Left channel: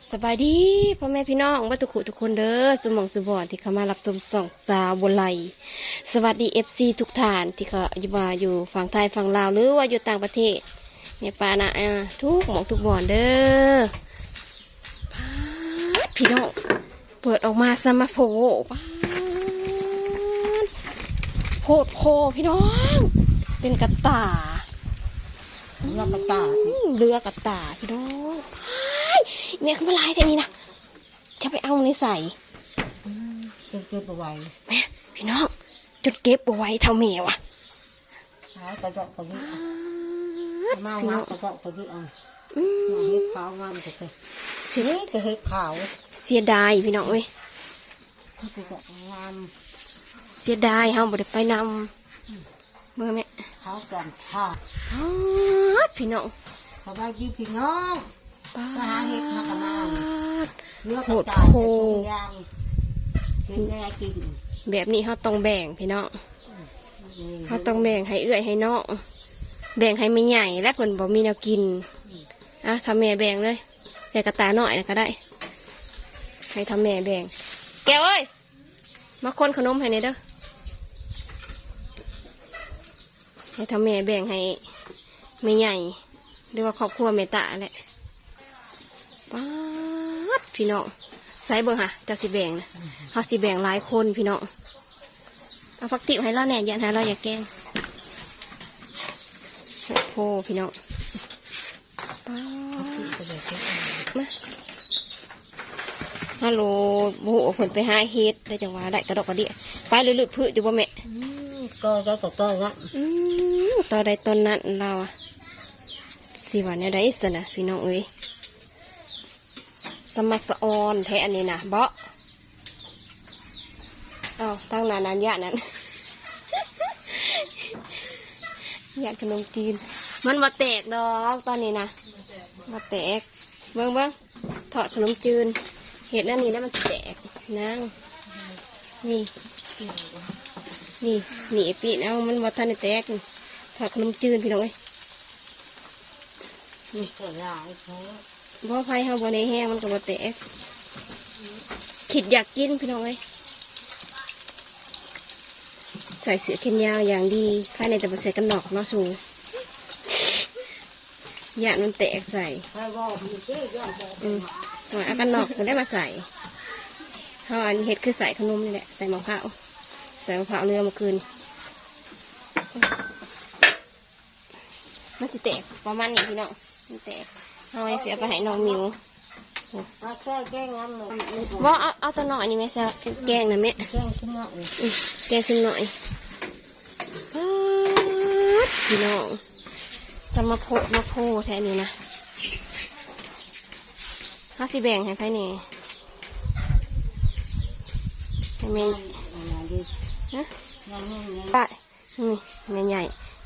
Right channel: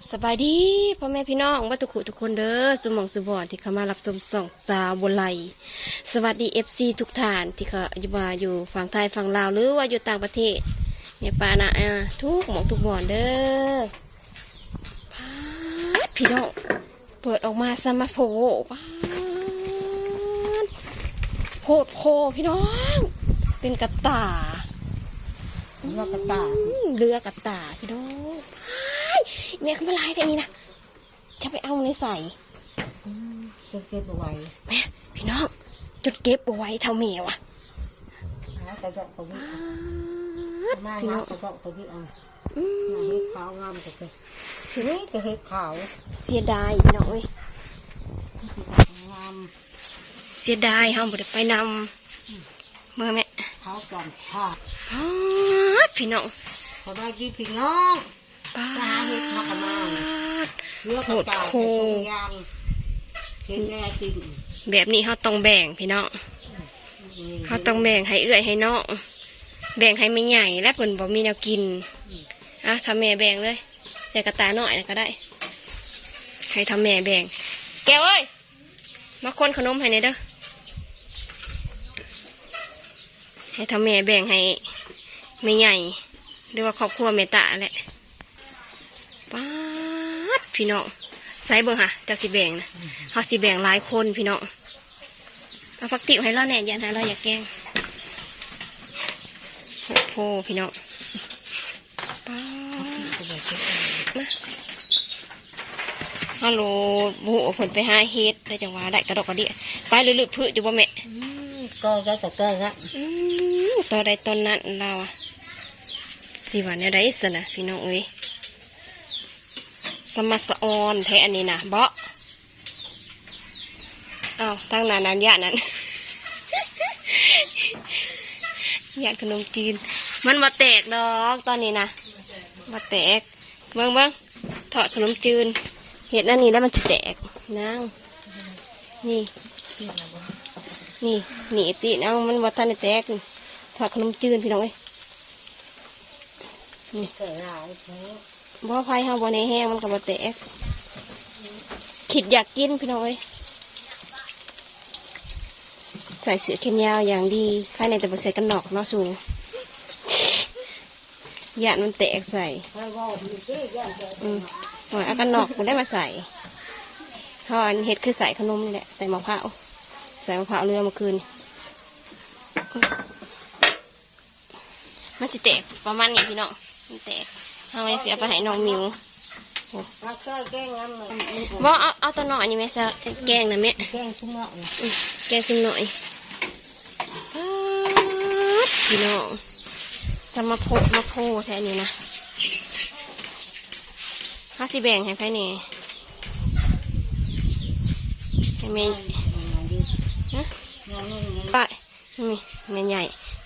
บสบายดีพ่อแม่พี่น้องว่าทุกขุทุกคนเด้อสมองสบอนที่เข้ามารับชมส่องสาวบนไหลสวัสดีเอฟซีทุกท่านที่เขาอยู่มาอยู่ฝั่งไทยฝั่งลาวหรือว่าอยู่ต่างประเทศเนี่ยปานะอะทุกหมองทุกบ่อนเด้อพาดพี่น้องเปิดออกมาสมาโพปาดโคตรโคพี่น้อง เป็นกระตายเรือกระตาอืมเรือกระตายพี่น้องพาย เนี่ยคือมาลายแต่นี้นะจะไปเอาในใส่เก็บเก็บเอาไว้แม่พี่น้องจนเก็บเอาไว้เท่าแมวอะหากระเจาะกระดิ่พางดมาพี่งาน้มองกระเจาะกระดิ่งเอาอืมเห็ดขาวงามกระเตยเสียเฮ้ยกระเห็ดขาว เสียดายพี่น้องเอ้ยงามเสียดายเฮาบ่ได้ไปนำเมื่อแม่ขาวจอมขาดพาดพี่น้องเขาได้ดีพี่น้อง ปาไปหาเห็ดมากันมาดเรือโหดโหเป็นยางเห็ดแม่กินแบบนี้เฮาต้องแบ่งพี่น้องเฮาต้องแบ่งให้เอื้อยให้น้องแบ่งให้ไม่ใหญ่และเพิ่นบ่มีแนวกินอะทำแม่แบ่งเลยใส่กระตายหน่อยนะก็ได้ ให้ทำแม่แบ่ง แกเอ้ยมาคนขนมให้หน่ยเด้อให้ทำแม่แบ่งให้ไม่ใหญ่หรือว่าครอบครัวเมตตาแหละ ป๊าดพี่น้องใส่เบิ่งค่ะเจ้าสิแบ่งนะเขาสิแบ่งหลายคนพี่น้องเอาพักติวให้เราแหน่ยันให้เราอย่าแกล้งโหโพพี่น้องป๊าดกระเด็ดมาฮัลโหลโบเพิ่นไปหาเฮ็ดได้จังหวะได้กระดอกกระเดียไปลึกๆพืชอยู่บ่แม่ก็ก็ก็ก็งั้นอืมตอนใดตอนนั้นเราอะสิวันนี้ได้สนะพี่น้องเอ้ย สมัสออนแท้อันนี้นะเบาะอ้าตั้งนานนั้นยะนั้นยาดขนมจีน มันมาแตกดอกตอนนี้นะมาแตกเบิ้งเบิ้งถอดขนมจีนเห็ดนั่นนี่แล้วมันจะแตกนั่งนี่นี่หนีปีเอามันวัทันได้แตกถอดขนมจีนพี่น้องเอ้ยเกิดอะไร บ่ไฟเฮาบ่ในแห้งมันก็บ่แตกขิดอยากกินพี่น้องเอ้ยใส่เสียแขนยาวอย่างดีข้างในแต่บ่ใส่กันหนอกเนาะสูยานมันแตกใส่อืมหน่อยเอากันหนอกกูได้มาใส่เพราะอันเฮ็ดคือใส่ขนมแหละใส่มะพร้าวใส่มะพร้าวเรือมาคืนมันจะแตกประมาณนี้พี่น้องมันแตก เอาไว้เสียไปให้น้องมิวถ้าแค่แก้งั้นเลยว่าเอาเอาตัวหน่อยนี่แม่ซะแกงนะแม่แก้งขึ้นเนาะอืมแกงซิมหน่อยป๊าดพี่น้องสมาโพดมาโพแท้นี่นะห้าสิแบ่งให้ไผนี่ให้แม่งานดีฮะงานนี้งานไปนี่แม่ใหญ่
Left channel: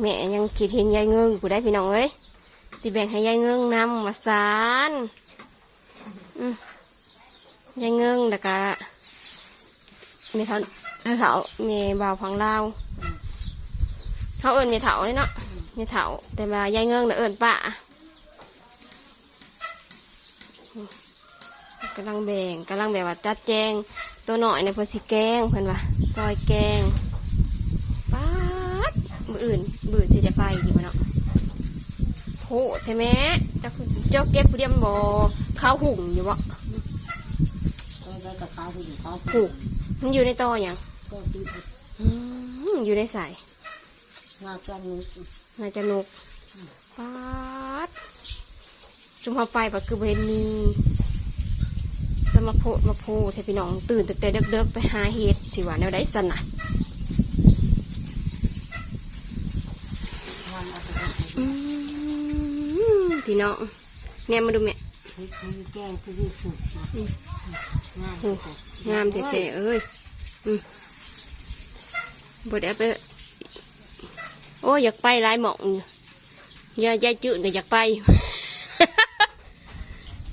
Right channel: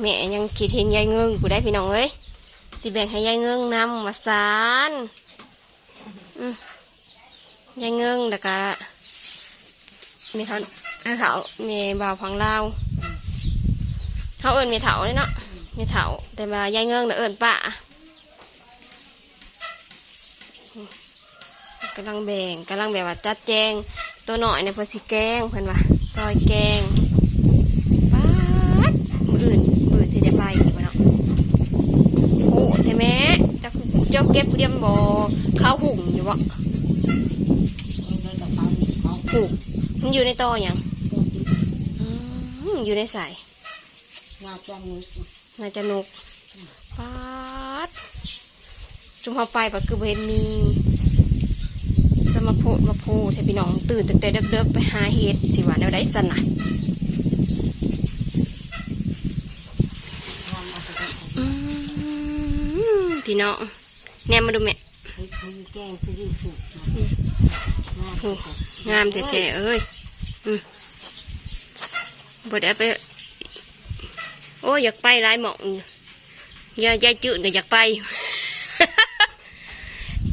แม่ยังคิดเห็นยายเงิงผู้ได้พี่น้องเอ้ย สิแบ่งให้ยายเงิงนำมาสารอืมยายเงิงแล้วก็มีเขามีเขามีบ่าวพังลาวเขาเอิญมีเถาเลยเนาะมีเถาแต่ว่ายายเงิงเน่ะเอิญป้ากํลังแบ่งกำลังแบบว่าจัดแจงตัวหน่อยในยเพิ่นสิแกงเพิ่อนว่าซอยแกงป๊าดมืออื่นมืออื่นสิได้ไปอยู่เนาะ โอ้แต่แม่เจ้าคือเจ้าเก็บผู้เดียวมันบ่ข้าวหุ่งอยู่บ่ได้กับเขาเขาหูกมันอยู่ในตอหยังตัวติดอืมอยู่ในสายงานจังนี้น่าจะนกป๊าดจุมพอไปปะคือบ่เห็นมีสมาโพดมาโพดให้พี่น้องตื่นตั้งแต่เด็กๆไปหาเห็ดสิว่าแนวใดสนะทำอะไรอืม พี่น้องแนมมาดูแม่ให้คุยแก้งคือสุกนะงานโอ้งามแท้ๆเอ้ยอืมบไดเอาไป โอ้ยอยากไปหลายหมองอยู่อย่ายายจืดก็อยากไป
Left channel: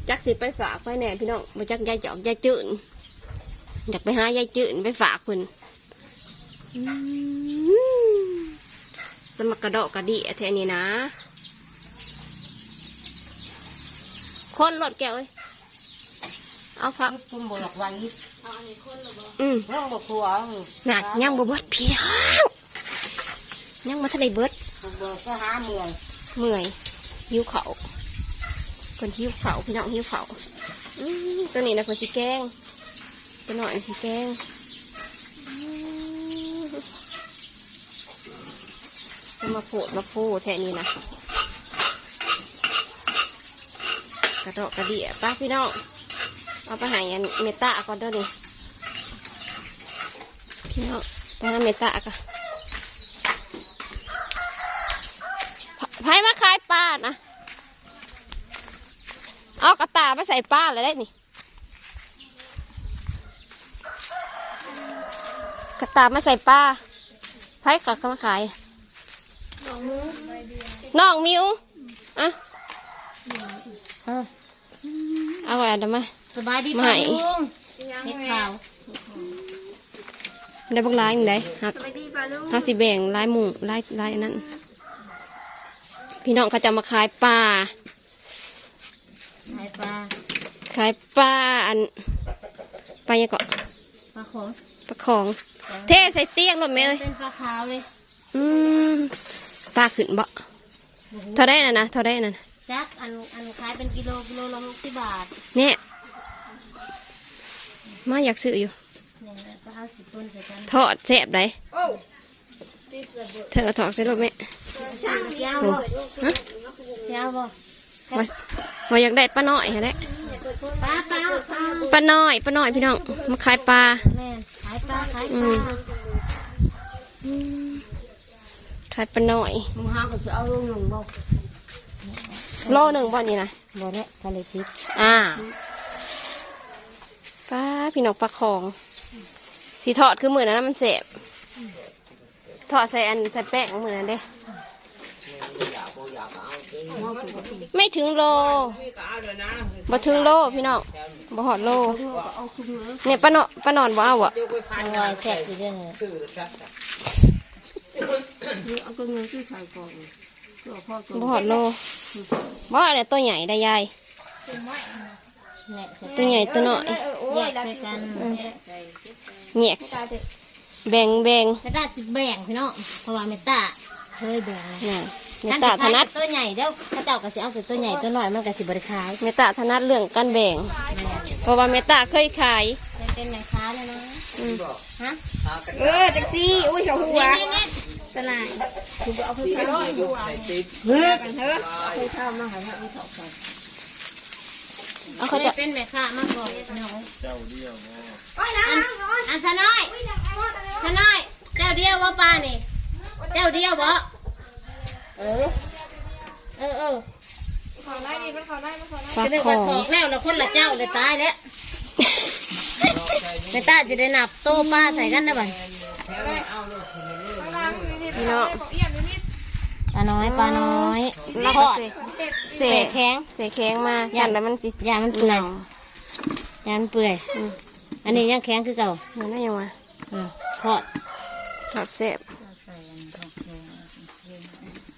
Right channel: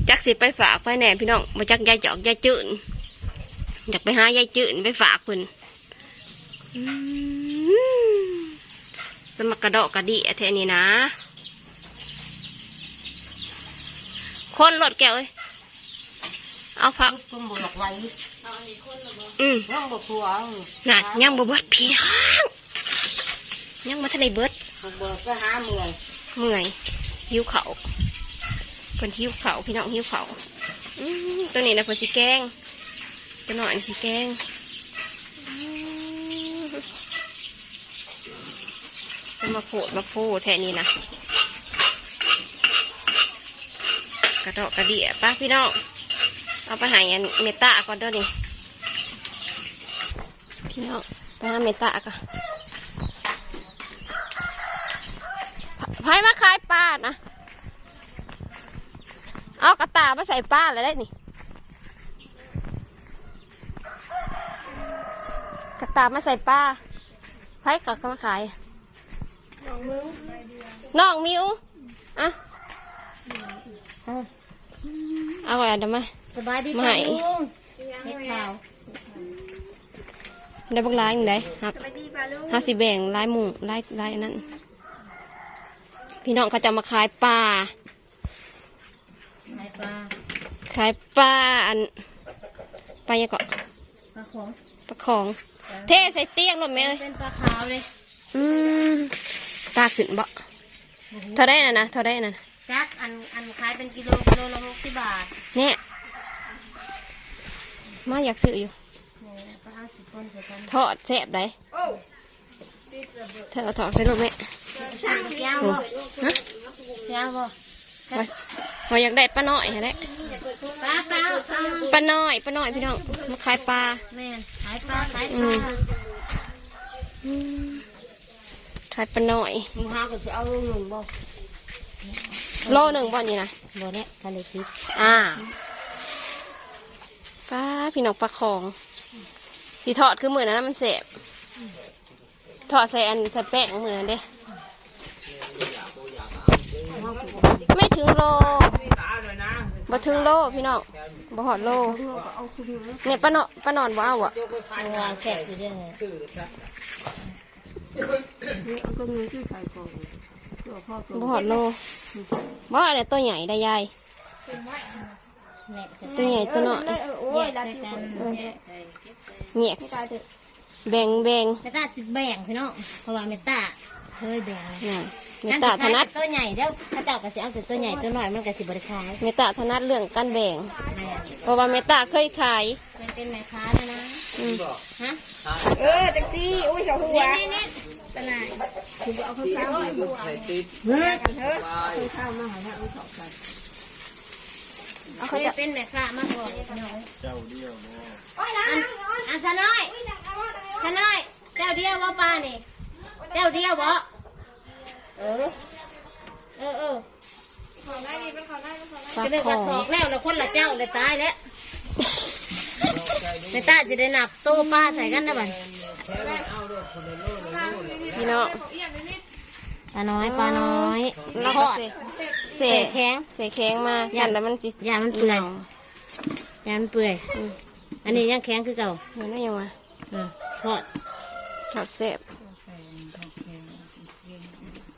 จักสิไปฝากไปแหน่พี่น้องมาจักยายจอกยายจืดอยากไปหายายจืดไปฝากเพิ่นอืมสมักกระดอกกระดิแท้นี่นะ คนรถแก้วเอ้ยเอาพักตุ้มบหลอกไว้อืมร่องบกทัวน่ะยังบ่เบิดพี่น้องยังมาทะเลเบิดบกเบิกก็หาเมื่อยเมื่อยหิวเขาวเพิ่นหิวเขาวพี่น้องหิวเขาวอืมตัวนี้นะเพิ่นสิแกงตัวน้อยนี่สิแกงอืมจะมาโผดมาโพแท่นี้นะ กระดอกกระเดี่ยป้าพี่น้องเอาไปหายันเมตาก่อนเด้อนี่พี่น้องไปหาเมตาก่อนไผมาขายปลานะเอากระตามาใส่ป้าแล้วได้นี่กระตามาใส่ป้าไผ่กักมาขายน้องมิวอะ เอาเอาอะไรเดี๋ยวมาสบายดีไม่ป่ะลุงเฮ็ดข่าวได้บักร้ายอย่างไรฮักฮักสิแบ่งร้ายหมูร้ายร้ายอันนั้น พี่น้องเขาจะมาขายปลาไอ้ปลาขายปลาอันปลายังเกาะปลาของปลาของ เทใส่เตียงรถเมย์เป็นปลาขาวเลยอืมปลาขึ้นบ่เท่าได้นะนะเท่าได้นะ จักอันอันขายเป็นกิโลกิโลละหกสิบบาทเนี่ยมาอยากซื้ออยู่เนี่ยปลาเอาสิบคนใส่กันทอดแซ่บได้เธอทอดใส่รถไหมสั่งเสียวโอ้บ่ฮะเสียวบ่ว่าว่าอยากได้ปลาน้อยแล้วปลาปลาปลาปลาน้อยปลาน้อยพี่น้องมาขายปลาแม่นขายปลาขายอืปลามอืมขายปลาน้อยมึงหาก็จะเอาลงหนึ่งบ่ โลหนึ่งบ่นี่นะบ่เนี่ยทะเลทิพย์อ่าปลาพี่น้องปลาของสีทอดคือมือนั้นนะมันเสบทอดใส่อันใส่แป้งมือนั้นเด้ไม่ถึงโลบ่ถึงโลพี่น้องบ่หอดโลเนี่ยป้าเนาะป้านอนบ่เอาอะเอาแซ่บอยู่เด้อเนี่ยเอาก็เงินที่ใส่ก่อนเพื่อพ่อตัวบ่หอดโล บ่อะไรตัวใหญ่ได้ยายแหละใส่ตัวใหญ่ตัวน้อยแยกใส่กันแยกแบ่งแบ่งเมตาสิแบ่งพี่น้องเพราะว่าเมตาเคยแบ่งน่ะเมตตาถนัดตัวใหญ่เด้อพระเจ้าก็สิเอาแต่ตัวใหญ่ตัวน้อยมันก็สิบริขายเมตตาถนัดเรื่องการแบ่งแม่เพราะว่าเมตตาเคยขายเคยเป็นแม่ค้าแล้วนะอืมฮะเออแท็กซี่อุ้ยเขาหัวนี่นี่ ตลาดคือเอาคือเข้าเฮ้ยกันเถอะคือเข้ามาหาเอาเข้ากันเอาเขาจะเป็นแม่ค้ามาก่อนพี่น้องอันอันซะน้อยซะน้อย เจ้าเดียวว่าป้านี่ เจ้าเดียวบ่เออ เออเออปลาจะได้ขว่าอถองกแล้วแล้วคนละเจ้าเลยตายแล้วไม่ตาจะได้นับโตป้าใส่กันนะบัง พี่น้องปลาน้อยปลาน้อยแล้วทก็อดเสเศษแข็งเสแข็งมาสั่นแล้วมันจิยามันเปื่อยหยามันเปื่อยอืมอันนี้ยังแข็งคือเก่าเห็นได้ยังวะอ่าทอดทอดแซ่บ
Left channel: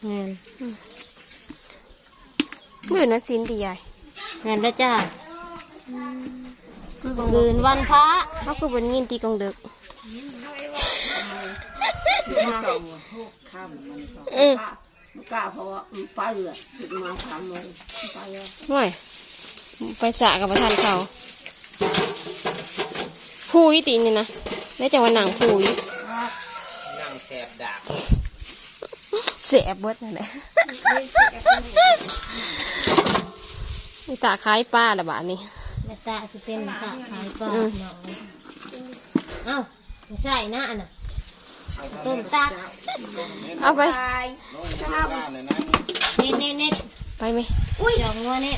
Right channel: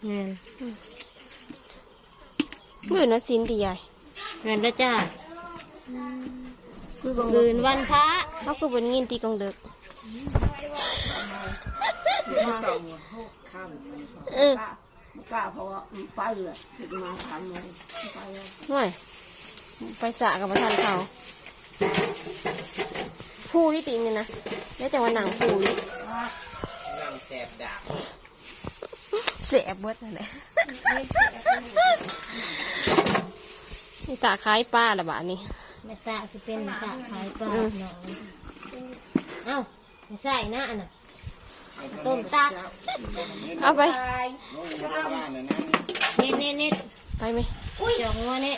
เงินมือนั้นสินดีใหญ่เงินแล้วจ้าคือคืนวันพระเขาคือบนยินตีกองเด็ก เออไม่กล้าเพราะว่ามันไปเลยถึงมาสามโมงไปเลยห่วยไปสระกับประธานเขาผู้ยี่ตีนี่นะได้จังหวะหนังผู้ยี่นั่งแสบดาบเสียเบิดเลยนี่ตาคล้ายป้าละบาทนี่แม่ตาสิเป็นแม่ตาขายปลาอืมน้อยเอ้าไม่ใช่นะอันน่ะ ต้มตักเอาไปนี่นี่นี่ไปไหมจองงัวนี่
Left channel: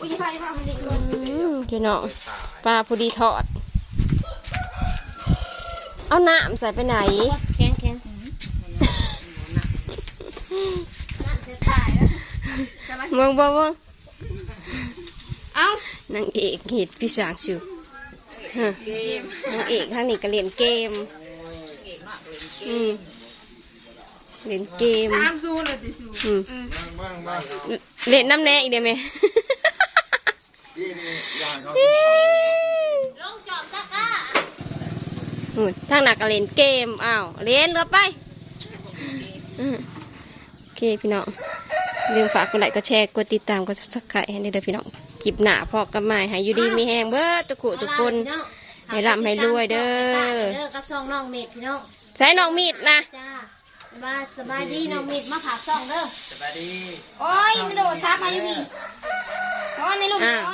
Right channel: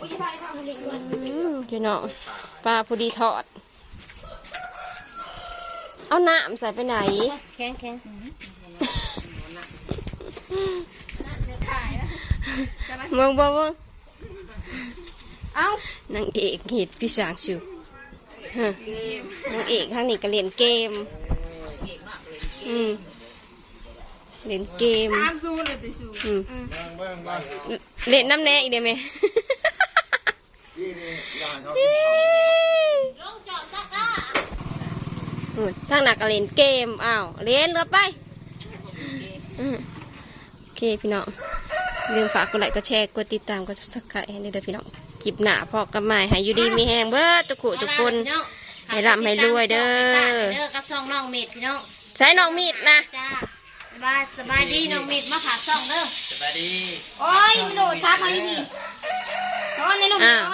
อืมพี่น้องปลาพอดีทอด เอาน้ำใส่ไปไหนแข็งแข็งเมืองบ่เมืองเอานางเอกเห็ดพี่สางชิวฮะนางเอกทางนี้ก็เล่นเกม อืมเล่นเกมอืมเล่นน้ำแน่อีกได้ไหมลงจอมจ้าก้าอืมทางหนักก็เล่นเกมอ้าวเล่นเราไปอืมโอเคพี่น้องเรื่องฝากกดไลค์กดแชร์กดติดตามกดซับสไครต์ให้ได้เด้อพี่น้องคลิปหน้าพอกันใหม่ให้อยู่ดีมีแหงเบิดทุกคนทุกคนให้ร่ำให้รวยเด้อเด้อกับซองน้องเม็ดพี่น้อง ใช้น้องมีดนะ จ้าสบายสบายดีน้องเม็ดมาผ่าซองเด้อสวัสดีโอ้ยไม่โดดซับมานี่นอนในลูกอ้าว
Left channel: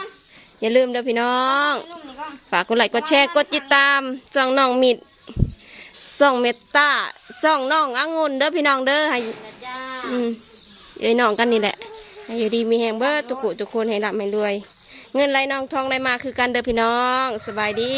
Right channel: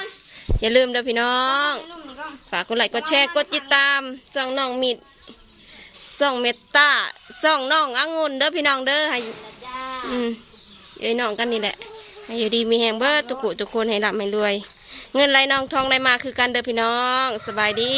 อย่าลืมเด้อพี่น้องฝากกดไลค์กดแชร์กดติดตามส่องน้องมิดส่องเมตตาส่องน้ององุ่นเด้อพี่น้องเด้อให้นะจ้าอืมเอ้ยน้องกันนี่แหละให้อยู่ดีมีแหงเบิดทุกคนทุกคนให้รับให้รวย เงินไหลน้องทองไหลมาคือกันเด้อพี่น้อง สบายดี